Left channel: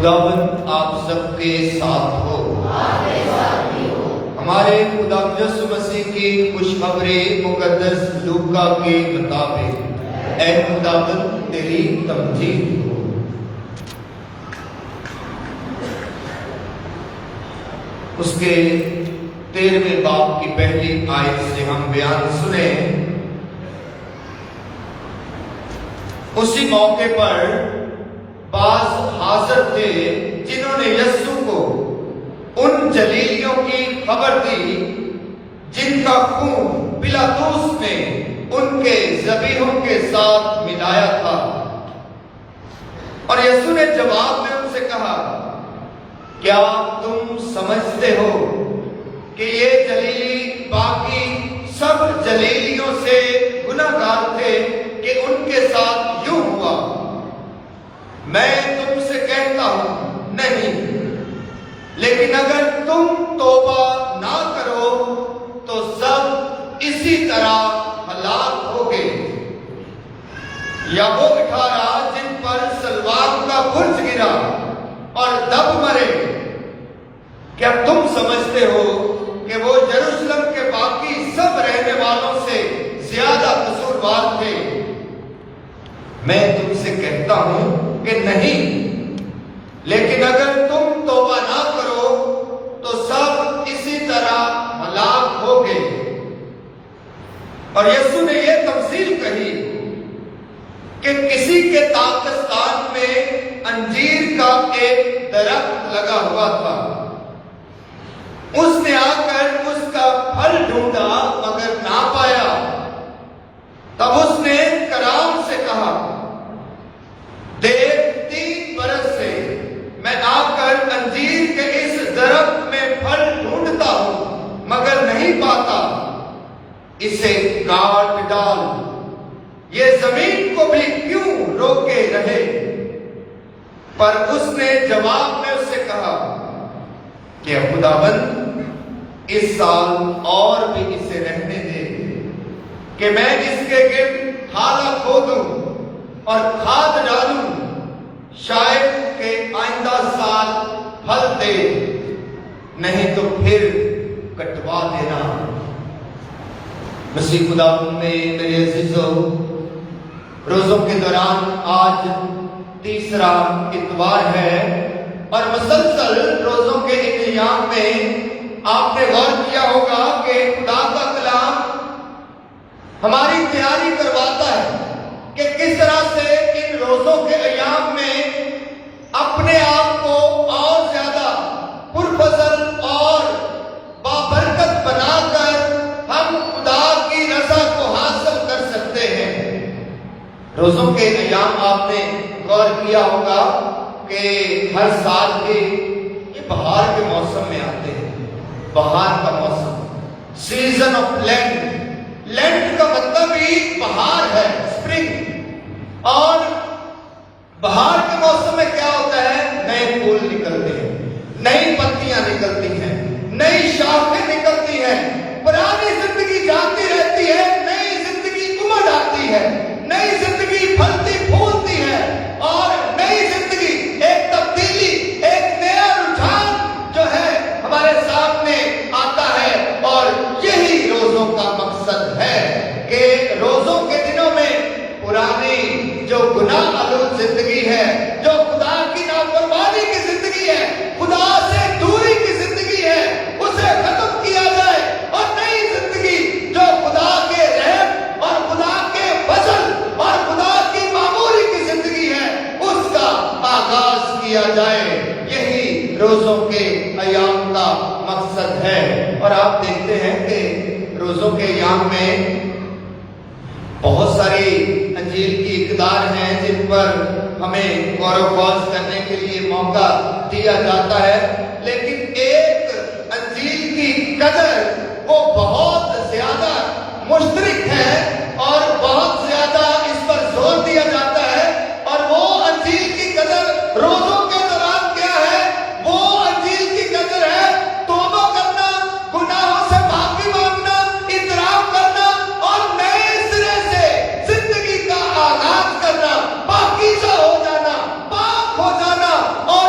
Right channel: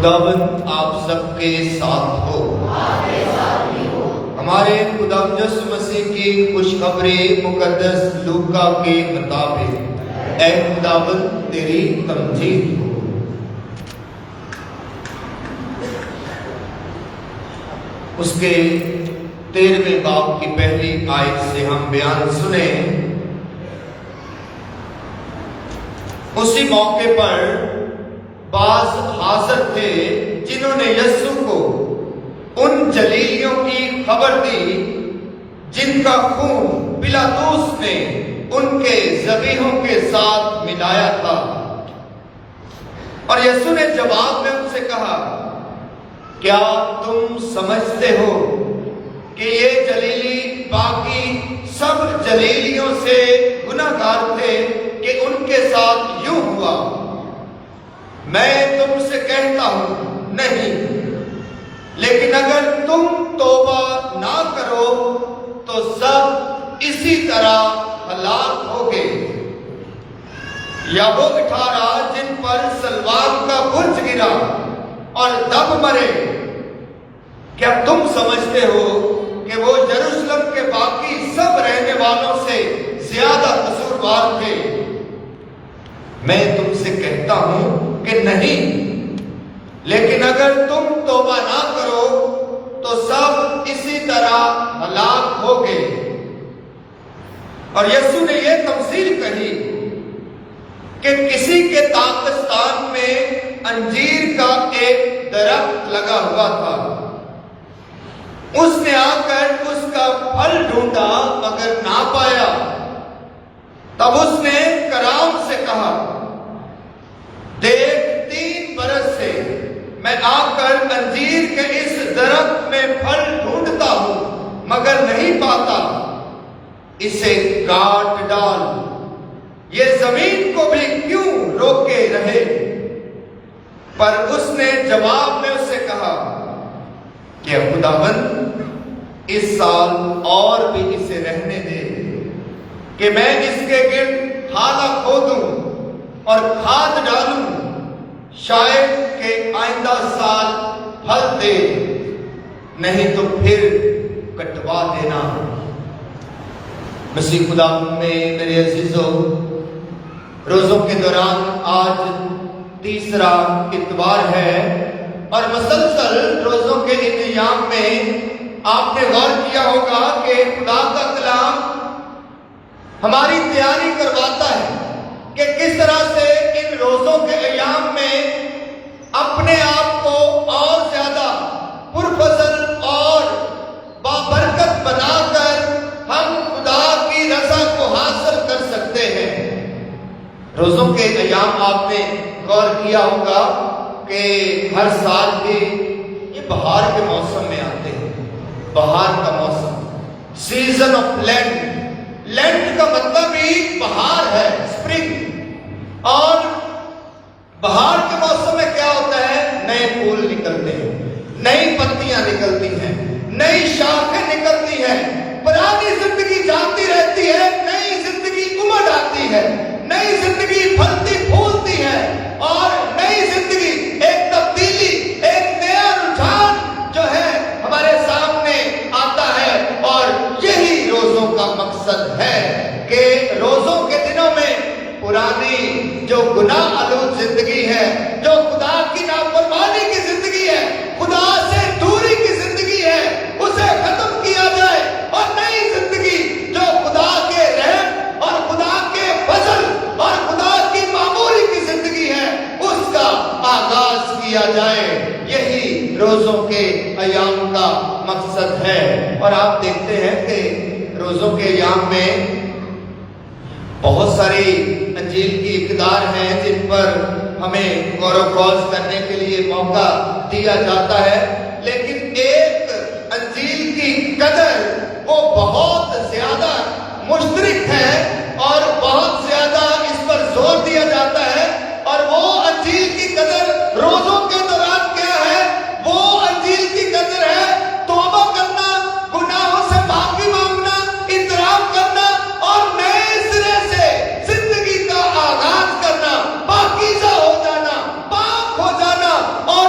خداوند آپ سب کے ساتھ ہو۔ ہمارے خدا یسوع مسیح کی خوشخبری مقدس لوکا کے مطابق اے خداوند تیری تمجید ہو۔ اس کے 13ویں باب کی پہلی آیت سے ہم بیان سنیں۔ اسی موقع پر بعض حاضر تھے جنہوں نے یسوع کو ان جلیلیوں کی خبر دی جن کا خون پلاطس نے ان کے ذبیحوں کے ساتھ ملایا تھا، اور یسوع نے جواب میں ان سے کہا، کیا تم سمجھتے ہو کہ یہ جلیلی باقی سب جلیلیوں سے گناہگار تھے کہ ان کے ساتھ یوں ہوا؟ میں تم سے کہتا ہوں نہیں، لیکن اگر تم توبہ نہ کرو تو سب اسی طرح ہلاک ہوگے۔ یا وہ 18 جن پر سلوان کا برج گرا اور دب مرے، کیا تم سمجھتے ہو کہ وہ یروشلم کے باقی سب رہنے والوں سے زیادہ قصوروار تھے؟ میں تم سے کہتا ہوں کہ نہیں، لیکن اگر تم توبہ نہ کرو تو سب اسی طرح ہلاک ہوگے۔ اور یسوع نے یہ تفصیل کہی کہ کسی کے داغستان میں انجیر کا ایک درخت لگا ہوا تھا۔ اس نے آ کر اس کا پھل ڈھونڈا مگر نہ پایا۔ تب اس نے کرام سے کہا، دیکھ 3 برس سے میں آ کر انجیر کے اس درخت میں پھل ڈھونڈتا ہوں مگر نہیں پاتا، اسے کاٹ ڈال، یہ زمین کو بھی کیوں روکے رہے؟ پر اس نے جواب میں اس سے کہا کہ خداوند اس سال اور بھی اسے رہنے دے کہ میں اس کے گرد ہالا کھودوں اور کھاد ڈالوں، شاید کہ آئندہ سال پھل دے، نہیں تو پھر کٹوا دینا۔ مسیح خدا میں میرے عزیزو، روزوں کے دوران آج تیسرا اتوار ہے، اور مسلسل روزوں کے ان ایام میں آپ نے غور کیا ہوگا کہ خدا کا کلام ہماری تیاری کرواتا ہے کہ کس طرح سے ان روزوں کے ایام میں اپنے آپ کو اور زیادہ پرفضل اور بابرکت بنا کر ہم خدا کی رضا کو حاصل کر سکتے ہیں۔ روزوں کے ایام آپ نے غور کیا ہوگا کہ ہر سال کے یہ بہار کے موسم میں آتے ہیں۔ بہار کا موسم، سیزن آف لینڈ، لینڈ کا مطلب ہی بہار ہے، اسپرنگ۔ اور بہار کے موسم میں کیا ہوتا ہے؟ نئے پھول نکلتے ہیں، نئی پتیاں نکلتی ہیں، نئی شاخیں نکلتی ہیں، پرانی زندگی جاتی رہتی ہے، نئی زندگی امڑ آتی ہے، نئی زندگی پھلتی پھولتی ہے، اور نئی زندگی ایک تبدیلی، ایک نیا رجحان جو ہے ہمارے سامنے آتا ہے۔ اور یہی روزوں کا مقصد ہے کہ روزوں کے دنوں میں پرانی جو گناہ آلود زندگی ہے، جو خدا کی نافرمانی کی زندگی ہے، خدا سے دوری کی زندگی ہے، اسے ختم کیا جائے، اور نئی زندگی جو خدا کے رحم اور خدا کے فضل اور خدا کی معمولی کی زندگی ہے، اس کا آغاز کیا جائے۔ یہی روزوں کے ایام کا مقصد ہے۔ اور آپ دیکھتے ہیں کہ روزوں کے ایام میں بہت ساری انجیل کی اقدار ہیں جن پر ہمیں غور و خوض کرنے کے لیے موقع دیا جاتا ہے، لیکن ایک انجیل کی قدر وہ بہت زیادہ مشترک ہے اور بہت زیادہ اس پر زور دیا جاتا ہے، اور وہ انجیل کی قدر روزوں کے دوران کیا ہے؟ وہ انجیل کی قدر ہے توبہ کرنا، گناہوں سے معافی مانگنا، اعتراف کرنا، اور نئے سرے سے زندگی کا آغاز کرنا، پاکیزہ ہو جانا، پاک ہو جانا، اور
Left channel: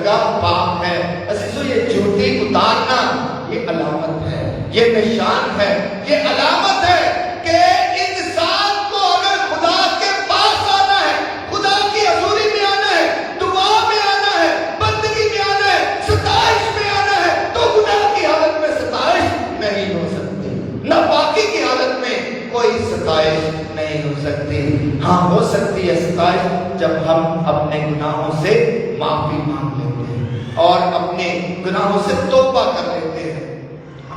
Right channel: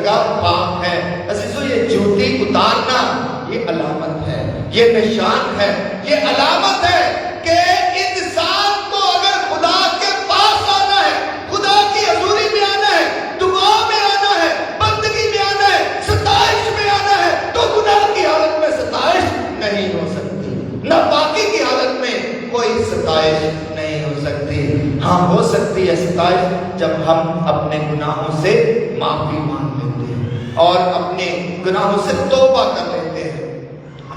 درگاہ پاک ہے۔ عزیزو یہ جوتی اتارنا یہ علامت ہے، یہ نشان ہے، یہ علامت ہے کہ انسان کو اگر خدا کے پاس آنا ہے، خدا کی حضوری میں آنا ہے، دعا میں آنا ہے، بندگی میں آنا ہے، ستائش میں آنا ہے، تو گناہ کی حالت میں ستائش نہیں ہو سکتی، ناپاکی کی حالت میں کوئی ستائش نہیں ہو سکتی۔ ہاں ہو سکتی ہے ستائش جب ہم اپنے گناہوں سے معافی مانگ لیتے ہیں اور اپنے گناہوں سے توبہ کر لیتے ہیں،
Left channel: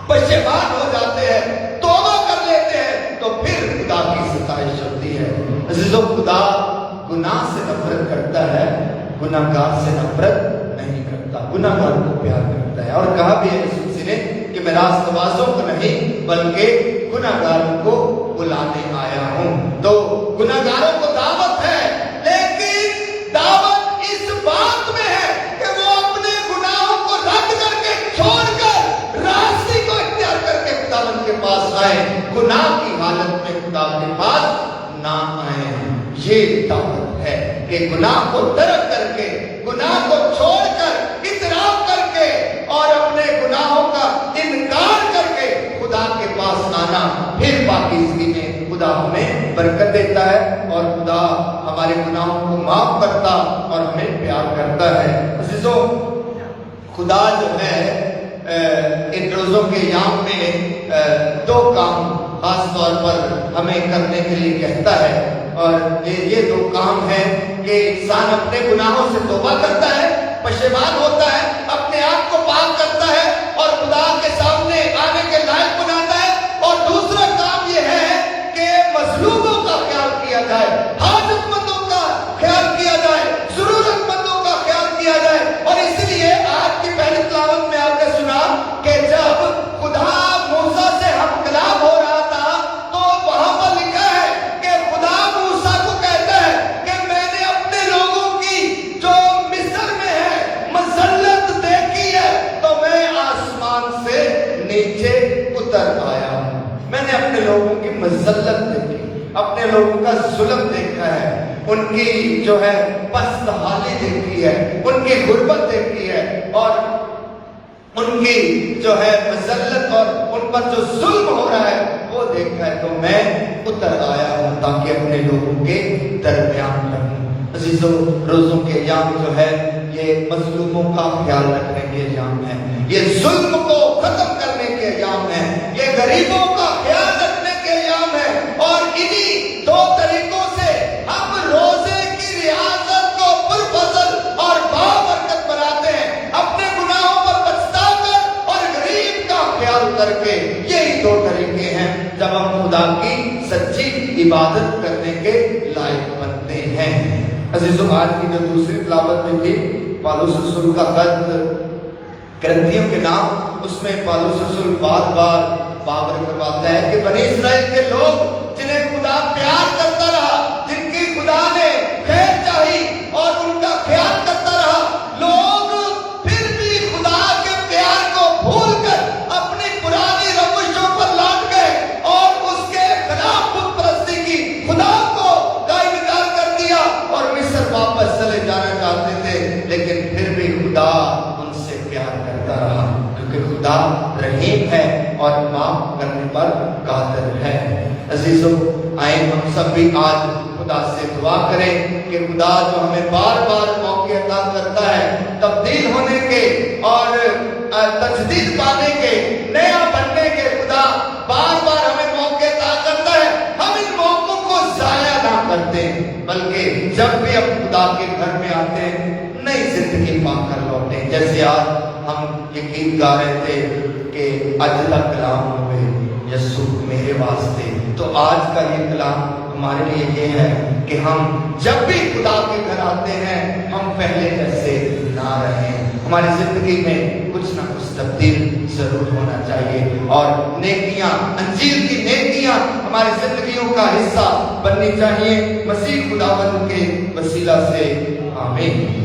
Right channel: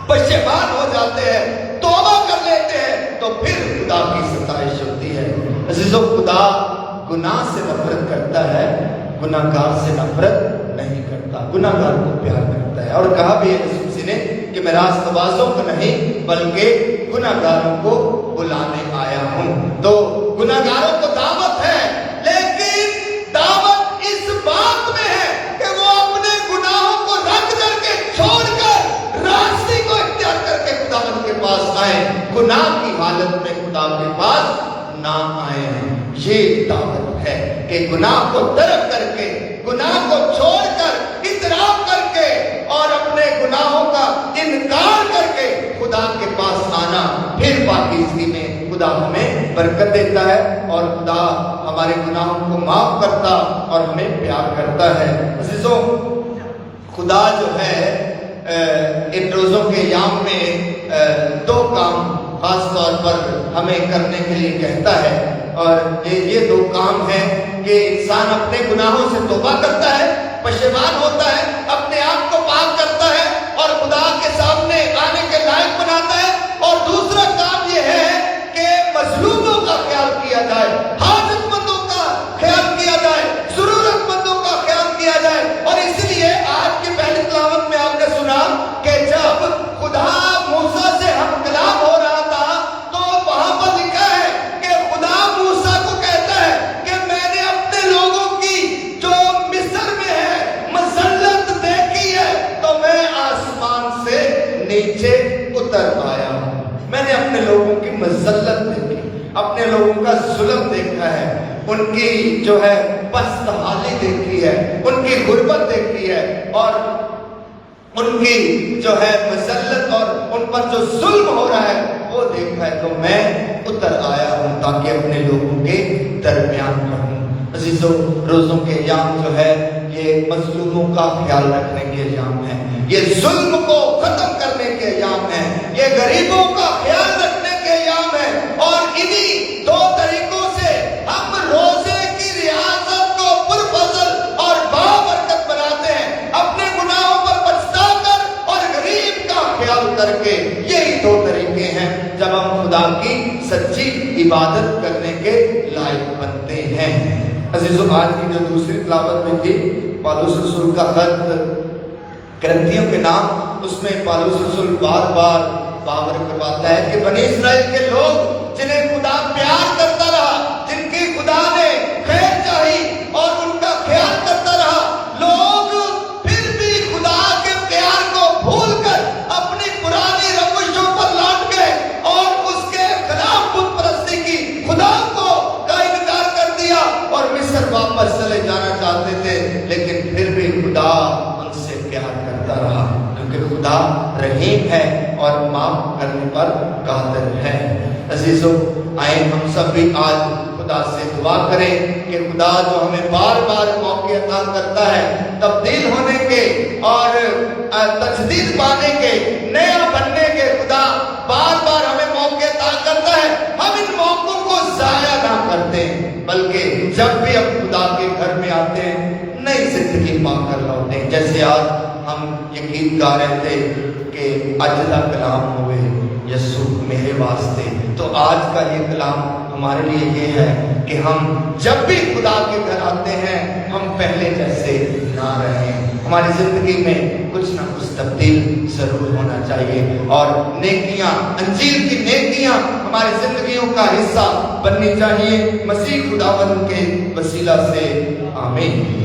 پشیمان ہو جاتے ہیں، توبہ کر لیتے ہیں، تو پھر خدا کی ستائش ہوتی ہے۔ عزیزو خدا گناہ سے نفرت کرتا ہے، گناہگار سے نفرت نہیں کرتا، گناہگار کو پیار کرتا ہے۔ اور کہا بھی ہے یسوع نے کہ میں راست بازوں کو نہیں بلکہ گناہگاروں کو بلانے آیا ہوں۔ تو گناہگاروں کو دعوت ہے، لیکن دعوت اس بات میں ہے کہ وہ اپنے گناہوں کو رد کر کے چھوڑ کر راستے کو اختیار کر کے خدا کے پاس آئے، گناہ کی حالت میں خدا کے پاس نہ آئے۔ یہ دعوت ہے کہ گناہ کو ترک کر کے، گناہ کو چھوڑ کر، اعتراف کر کے اور اپنے گناہوں کا انکار کر کے خدا کے پاس آنا، پھر پاکیزگی میں خدا ہمیں برکت دیتا ہے اور خدا ہمارے گناہوں کو معاف کرتا اور ہمیں پیار کرتا ہے۔ عزیزو خدا جو ہے ان روزوں کے ایام میں دو کام خاص طور پر ہمیں کرنے کے لیے کہتا ہے، اور یہ دو کام ہیں کہ انسان اپنے گناہوں سے توبہ کرتا ہے، پشیمان ہوتا ہے، اپنے آپ کو پاک کرتا ہے اور خدا کے سامنے آنے کے لائق بناتا ہے، اور دوسرا کام یہ ہے کہ مظلوموں کا خیال کیا جائے، حاجت مندوں کا خیال کیا جائے، ضرورت مندوں کا خیال کیا جائے۔ اور اس لیے آج کی پہلی تلاوت میں آپ نے سنا کہ جب خدا موسیٰ سے ہم کلام ہو رہا تھا تو وہاں پر لکھا ہے کہ خدا موسیٰ کو کہتا ہے کہ میں نے اپنے لوگوں کی جو مصر میں ہے مسلط دیکھی ہے تو میں آسمان سے نیچے اتر آیا۔ میں نے اپنے لوگوں کی مسلط دیکھی، اپنے لوگوں کا ظلم دیکھا ہے، ان کی جو ہے پست حالی دیکھی ہے، ان کی غربت دیکھی ہے، اور ان کی جو ہے مسلط اور ان پر جو ظلم ہو رہا ہے وہ دیکھا ہے، تو میں اتر آیا ہوں تاکہ اپنے لوگوں کے درمیان رہوں۔ عزیزو روزوں کے ایام جو ہے یہ مظلوموں کا خیال رکھنے کے ایام ہے، یہ ظلم کو ختم کرنے کے ایام ہے، یہ غریبوں کا خیال رکھنے کے ایام ہے، اور انہی دو طریقوں سے ہم روزے کی ریاضت کو پرفضل اور بابرکت بناتے ہیں، اپنے گناہوں پر پچھتا کر اور غریب کا خیال کر کے۔ یہی دو طریقے ہیں جب ہم خدا کی سچی عبادت کرنے کے لائق بنتے ہیں۔ عزیزو آج کی جو دوسری تلاوت میں تھی پالوس رسول کا خط کرنتھیوں کے نام، اس میں پالوس رسول بار بار بابر کی بات ہے کہ بنی اسرائیل کے لوگ جنہیں خدا پیار کرتا رہا، جن کی خدا نے خیر چاہی اور ان کا خیال کرتا رہا، لوگ پھر بھی خدا کے پیار کو بھول کر اپنی پرانی روشوں پر لوٹ گئے اور اس کے خلاف بت پرستی کی، خدا کو کا انکار کر دیا اور مصر واپس چلے جانا چاہتے تھے، لیکن پھر بھی خدا ان سے پیار کرتا رہا، کیونکہ خدا رحیم ہے اور معاف کرنے پر قادر ہے۔ عزیزو آئے ہم سب بھی آج خدا سے دعا کریں کہ خدا جو ہمیں بار بار موقع عطا کرتا ہے تبدیل ہونے کے اور تجدید پانے کے، نیا بننے کے، خدا بار بار ہمیں موقع عطا کرتا ہے، ہم ان موقعوں کو ضائع نہ کرتے بلکہ جب بھی ہم خدا کے گھر میں آتے ہیں نئی زندگی پا کر لوٹتے ہیں۔ جیسے آج ہم یہ گیت گا رہے تھے کہ اجلا کلام ہوئے یسوع میرے واسطے، تو آج کا یہ کلام ہمارے لیے یہ ہے کہ ہم جب بھی خدا کے گھر آتے ہیں ہم پہلے جیسے نہ رہیں، ہماری زندگی میں کچھ نہ کچھ تبدیل ضرور ہونا چاہیے، اور نیکیاں، انجیل کی نیکیاں ہماری زندگیوں کا حصہ بننی چاہیے، مسیح خداوند کے وسیلہ سے، آمین۔